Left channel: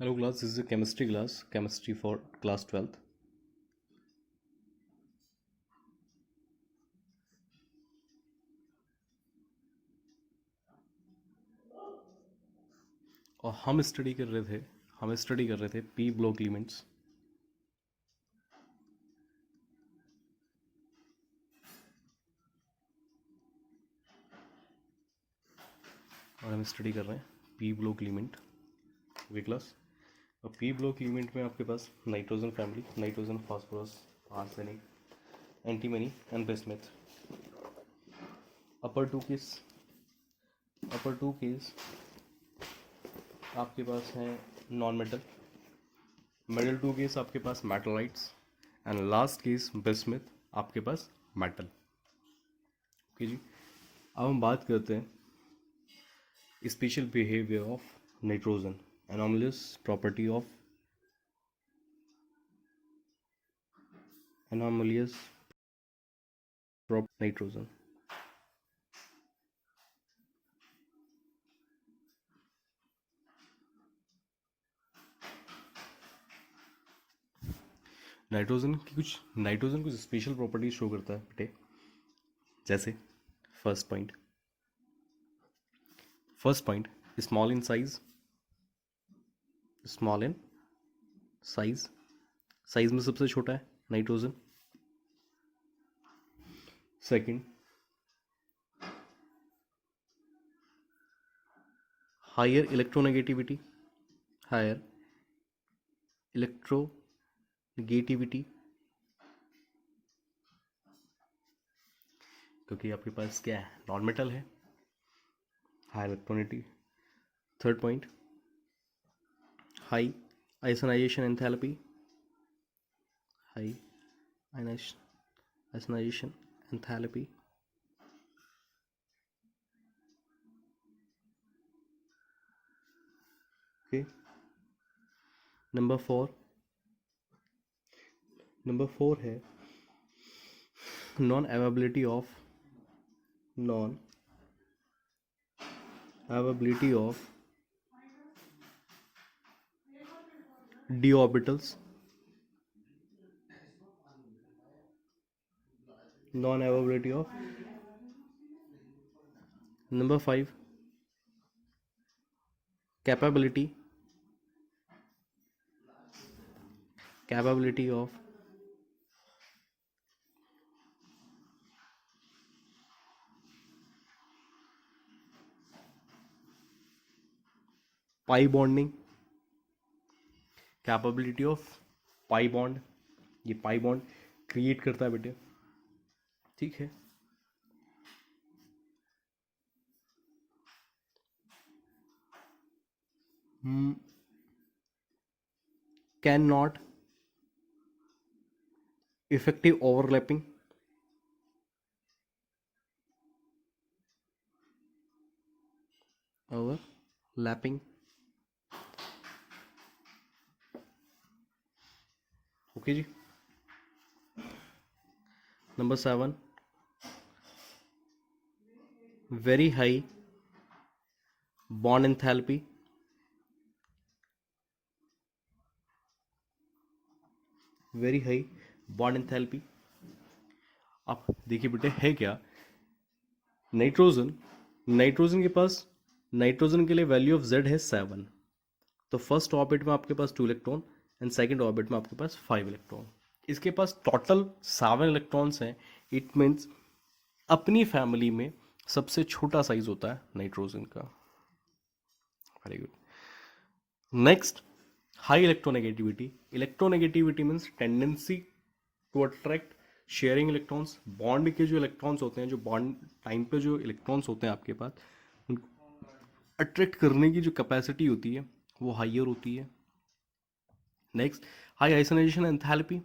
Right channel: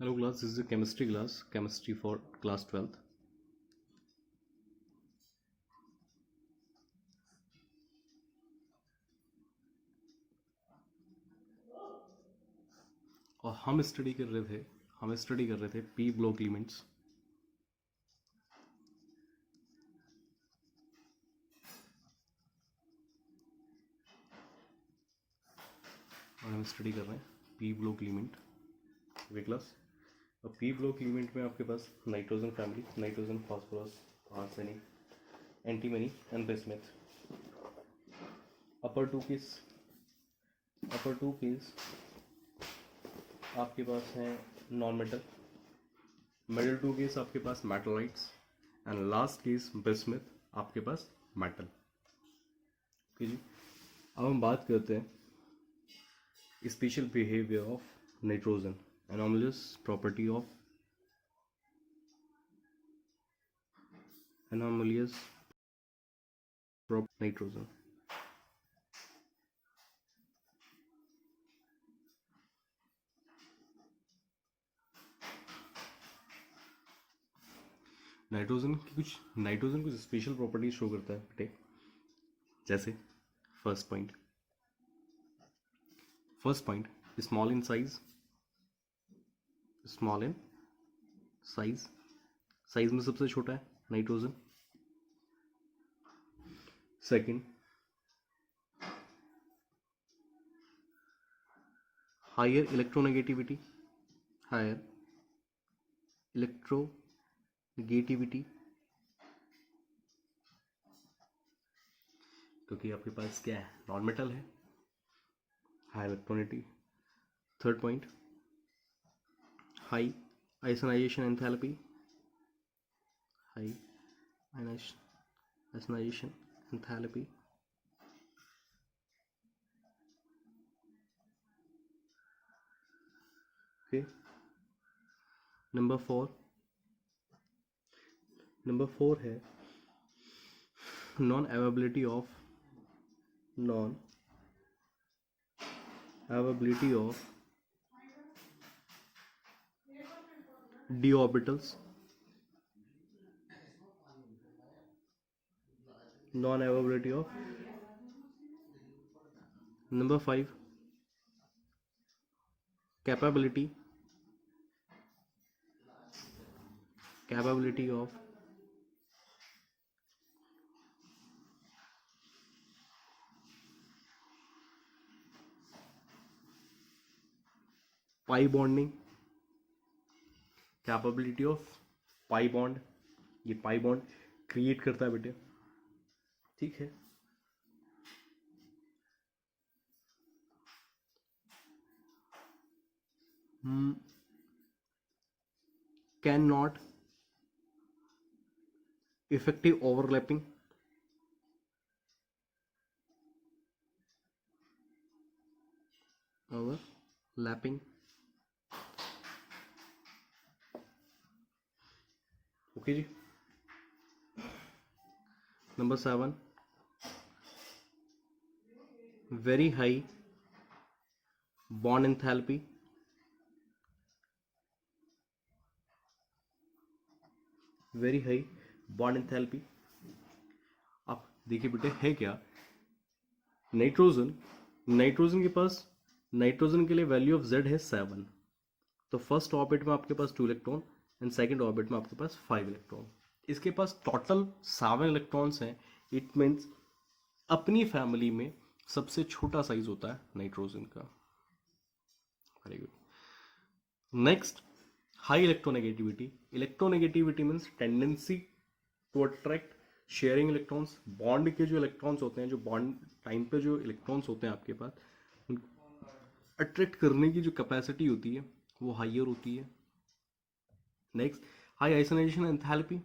Hello class, this is a chemistry class, chemistry for class 12th. और हम study कर रहे थे पी ब्लॉक एलिमेंट्स। और हम स्टडी कर रहे हैं पी ब्लॉक एलिमेंट वे क्लास। और पी ब्लॉक एलिमेंट में आपके पास nitrogen family, nitrogen, phosphorus, arsenic, antimony and bismuth. Upper two case आपके पास है non metal, middle two case आपके पास metalloids and last case bismuth आपके पास मेटल। ओके जी, अब हम बात करते हैं special behaviour of nitrogen, anomalous property of anomalous nitrogen. Nitrogen कुछ स्पेशल प्रॉपर्टीज शो करता है बेटे, जैसे first point small in size में सबसे छोटा है नाइट्रोजन। सेकंड, हायर इलेक्ट्रोनेगेटिविटी क्योंकि आपके पास क्या है, नॉन मेटल है, high electronegativity. Third point, high ionisation enthalpy, high ionisation enthalpy. Okay, number four है non availability of d orbitals, non availability of। number 5, capability of pi bonding, capability of pi bond. ये pi bond create करता है बेटे, ठीक है। Can not effective overlapping, okay जी। Number 7, very high bond enthalpy, आप देखिए बेटे है क्या, नाइट्रोजन के पास, नाइट्रोजन के लिए वैल्यू ऑफ Z है 7। तो फर्स्ट ऑर्बिट में आपके पास 2 इलेक्ट्रॉन एंड सेकंड ऑर्बिट में आपके पास 5 इलेक्ट्रॉन। इसके पास टोटल 7 इलेक्ट्रॉन्स हैं। इट मीन्स अपनी फैमिली में सबसे छोटा साइज होता है नाइट्रोजन का। Very good. Next, high electronegativity means tendency to attract sharing electrons. Bond के जो इलेक्ट्रॉन्स होते हैं, जो बॉन्ड टाइम पे जो इलेक्ट्रॉन्स होते हैं आपके पास, उनको अट्रैक्ट करने की जो कैपेसिटी होती है वो हाइयर होती है। Next, high ionisation enthalpy.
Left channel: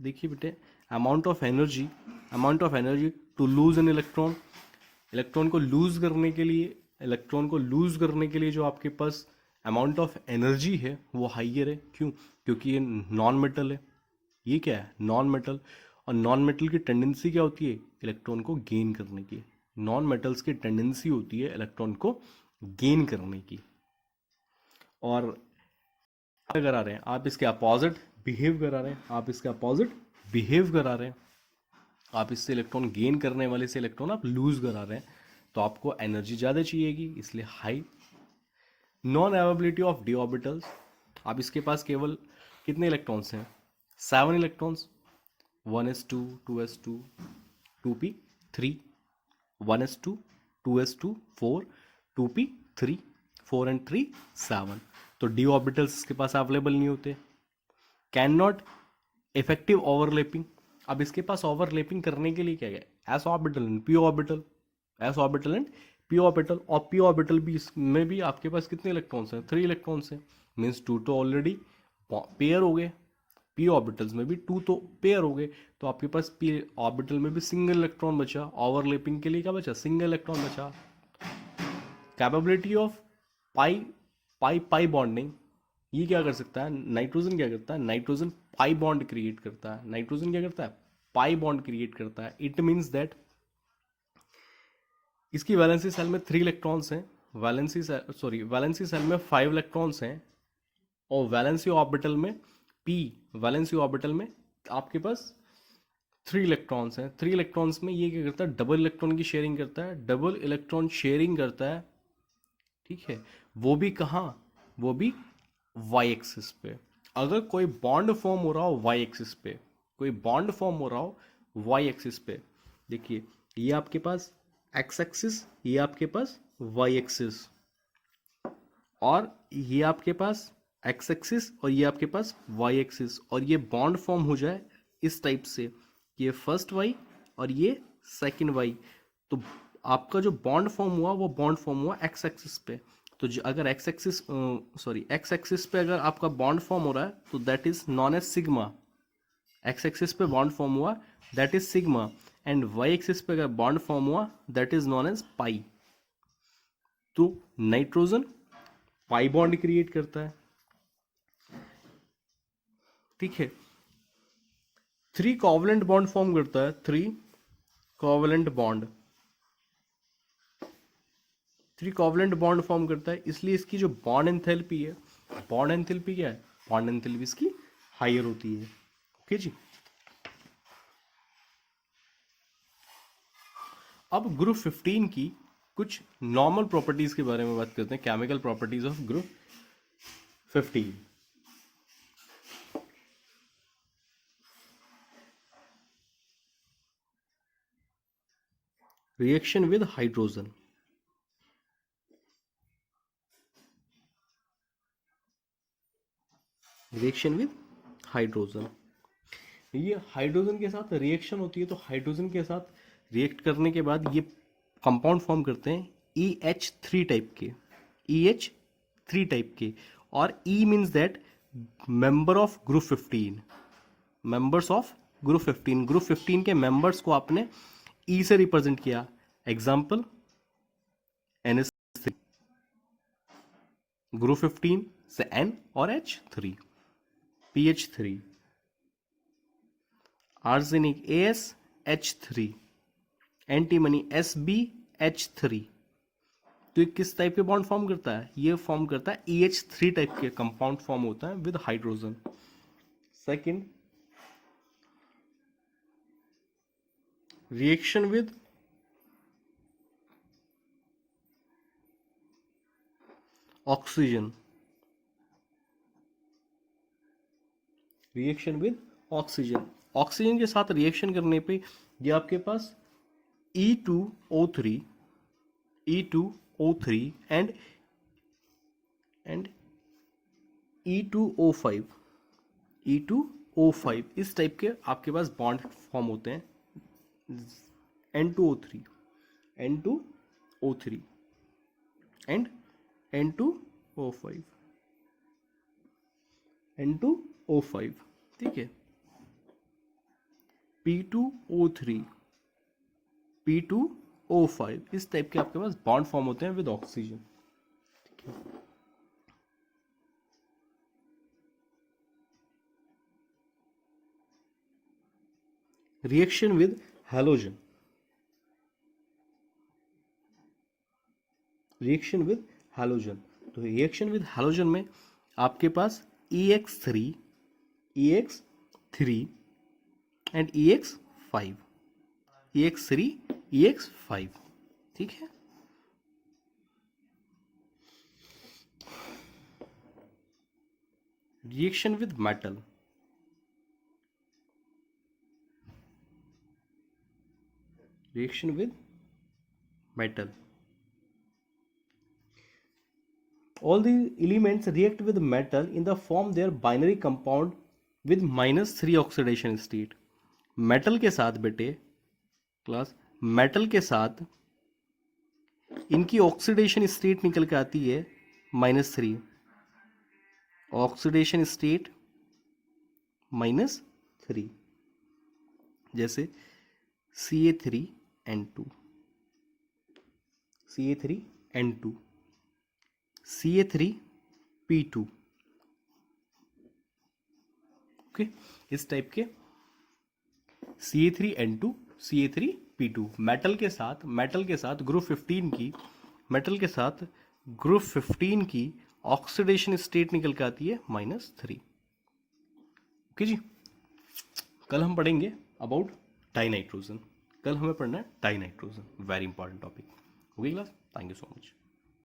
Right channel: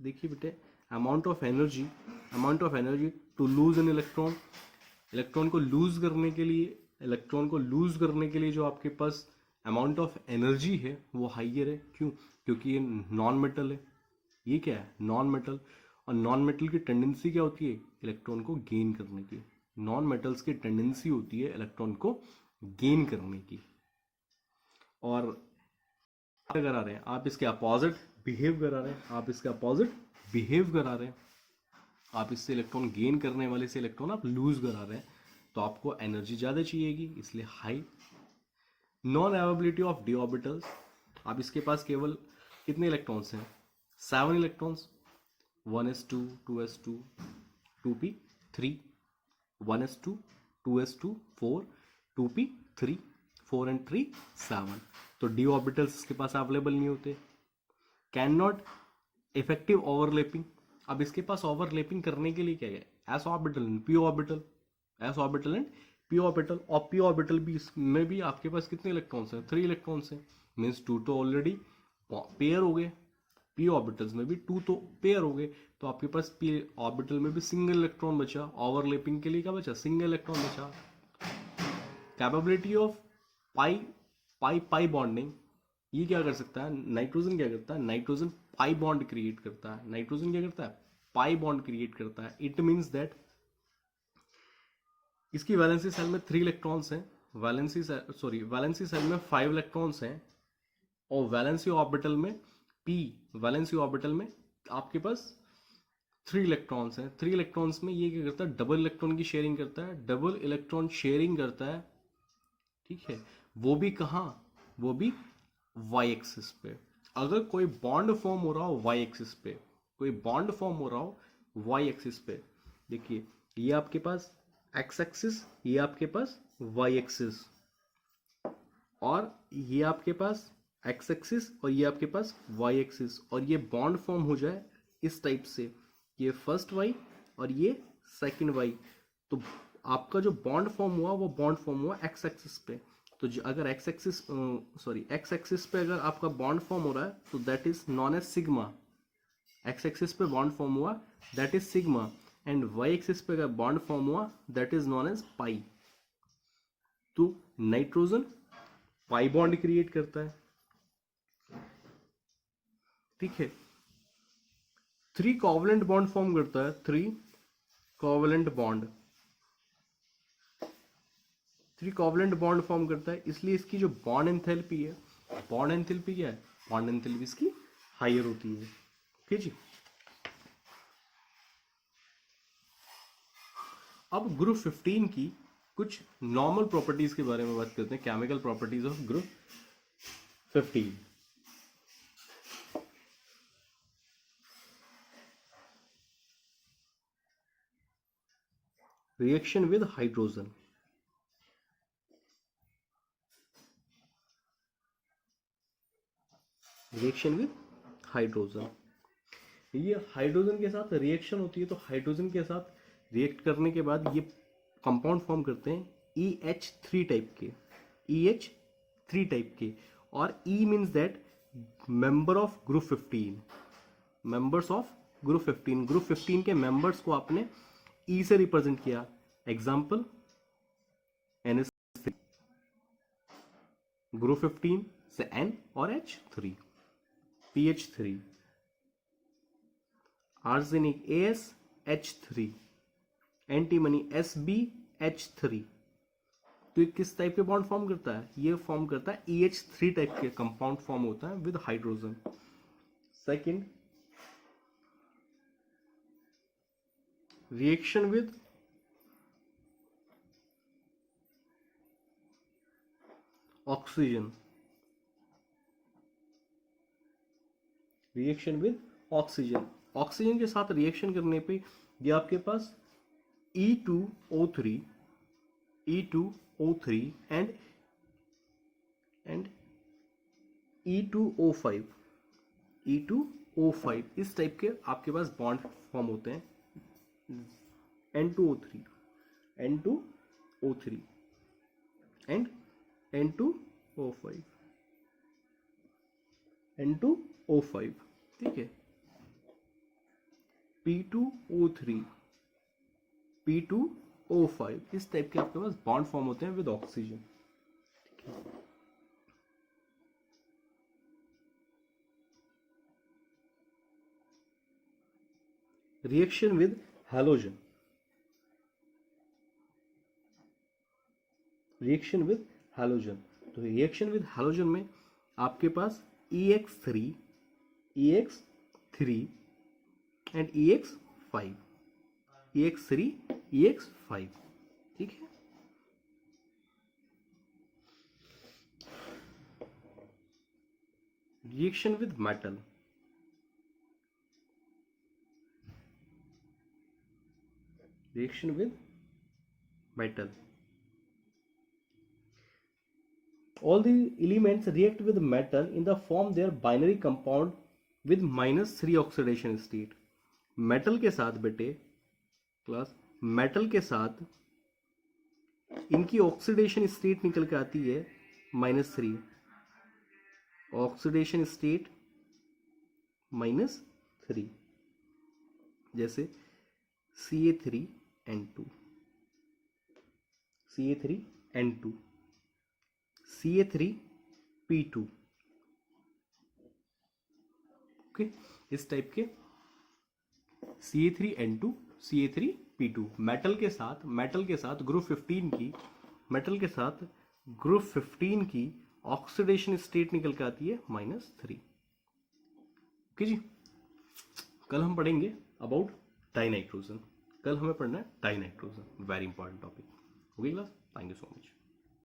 देखिए बेटे, amount of energy to lose an electron को लूज करने के लिए जो आपके पास अमाउंट ऑफ एनर्जी है वो हाइयर है। क्यों? क्योंकि ये नॉन मेटल है। ये क्या है? Non metal. और नॉन मेटल की टेंडेंसी क्या होती है? इलेक्ट्रॉन को गेन करने की। नॉन मेटल्स की टेंडेंसी होती है इलेक्ट्रॉन को गेन करने की। और करा रहे हैं, आप इसके अपोजिट बिहेव करा रहे हैं, आप इसके अपोजिट बिहेव करा रहे हैं, आप इससे इलेक्ट्रॉन गेन करने वाले से इलेक्ट्रॉन आप लूज करा रहे हैं, तो आपको एनर्जी ज़्यादा चाहिएगी, इसलिए high. Non availability of D orbitals, आप इसके पास केवल कितने इलेक्ट्रॉन्स हैं, 7 electrons, 1s2 2s2 2p3 1s2 2s2 4 2p3 4 and 3 7, तो डी ऑर्बिटल्स इसके पास अवेलेबल नहीं होते। कैन नॉट इफेक्टिव ओवरलैपिंग, अब इसके पास ओवरलैपिंग करने के लिए क्या है, S orbital and P orbital, S orbital and P orbital, और पी ऑर्बिटल भी इसमें भी आपके पास कितने इलेक्ट्रॉन्स हैं, 3 इलेक्ट्रॉन्स हैं, मीन्स 2 तो ऑलरेडी पेयर हो गए, पी ऑर्बिटल्स में भी 2 तो पेयर हो गए, तो आपके पास पी ऑर्बिटल में भी सिंगल इलेक्ट्रॉन बचा, ओवरलैपिंग के लिए क्या बचा, सिंगल इलेक्ट्रॉन बचा। Capability of pi pi pi bonding, ये क्या कर सकता है, नाइट्रोजन क्या करता है, नाइट्रोजन पाई बॉन्ड क्रिएट करता है, नाइट्रोजन क्या करता है, पाई बॉन्ड क्रिएट करता है। इट मीन्स दैट इसकी वैलेंसी सेल में 3 इलेक्ट्रॉन्स हैं, वैलेंसी सेल में 5 इलेक्ट्रॉन्स हैं, और वैलेंसी ऑर्बिटल में वैलेंसी ऑर्बिटल में आपके पास 3 इलेक्ट्रॉन्स हैं। 3 इलेक्ट्रॉन्स में ये क्या करता है, डबल इलेक्ट्रॉन की शेयरिंग करता है, डबल इलेक्ट्रॉन शेयरिंग करता है, ठीक है, वो भी कहाँ, वो भी वाई एक्सिस पे। अगर कोई बॉन्ड फॉर्म हो रहा हो वाई एक्सिस पे, कोई बॉन्ड फॉर्म हो रहा हो वाई एक्सिस पे, देखिए ये आपके पास एक्स एक्सिस, ये आपके पास वाई एक्सिस, और ये आपके पास एक्स एक्सिस, और ये आपके पास वाई एक्सिस, और ये बॉन्ड फॉर्म हो जाए इस टाइप से, ये फर्स्ट वाई और ये सेकंड वाई, तो आपका जो बॉन्ड फॉर्म हुआ वो बॉन्ड फॉर्म हुआ एक्स एक्सिस पे। तो अगर एक्स एक्सिस पे अगर आपका बॉन्ड फॉर्म हो रहा है तो that is known as sigma, x axis पे बॉन्ड फॉर्म हुआ that is sigma, and y axis पे अगर बॉन्ड फॉर्म हुआ that is known as pi. तो नाइट्रोजन पाई बॉन्ड क्रिएट करता है, ठीक है, 3 कोवलेंट बॉन्ड फॉर्म करता है, 3 covalent bond, 3 covalent bond form करता है, इसलिए इसकी जो बॉन्ड एंथैल्पी है, बॉन्ड एंथैल्पी क्या है, बॉन्ड एंथैल्पी इसकी हायर होती है। ओके जी, अब ग्रुप 15 की कुछ नॉर्मल प्रॉपर्टीज के बारे में बात करते हैं, chemical properties of group 15। Reaction with hydrogen, reaction with hydrogen, ये हाइड्रोजन के साथ रिएक्शन होती है, तो हाइड्रोजन के साथ रिएक्ट करने के बाद ये कंपाउंड फॉर्म करते हैं EH3 टाइप के, EH3 टाइप के, और E means that member of group 15, members of group 15, group 15 के मेंबर्स को आपने E से रिप्रेजेंट किया, एग्जाम्पल NH3, ग्रुप 15 से N और H3, PH3, arsenic AsH3, antimony SbH3, तो ये किस टाइप के बॉन्ड फॉर्म करता है, ये फॉर्म करता है EH3 टाइप के कंपाउंड फॉर्म होता है with hydrogen. Second, reaction with oxygen, reaction with oxygen, oxygen के साथ रिएक्शन करने पे ये आपके पास E2O3 एंड E2O5 इस टाइप के आपके पास बॉन्ड फॉर्म होते हैं, N2O3 एंड N2O5, ठीक है, P2O5, इस टाइप के आपके पास बॉन्ड फॉर्म होते हैं विद ऑक्सीजन, ठीक है। Reaction with halogen, reaction with halogen, तो रिएक्शन विद हैलोजन में आपके पास EX3, EX3 and EX5, EX3, EX5, ठीक है। Reaction with metal, reaction with metal. All the elements react with metal in the form their binary compound with -3 oxidation state. Metal के साथ बेटे class, metal के साथ इनकी ऑक्सीडेशन स्टेट निकल के आती है -3, ऑक्सीडेशन स्टेट -3, जैसे CA3N2, CA3N2, CA3P2, ओके, इस टाइप के CA3N2, CA3P2 मेटल के साथ ग्रुप 15 की ऑक्सीडेशन स्टेट निकल के आती है -3। ओके जी, कल हम पढ़ेंगे अबाउट डाइनाइट्रोजन, कल हमें पढ़ना है dinitrogen, very important topic. Okay class, thank you so much.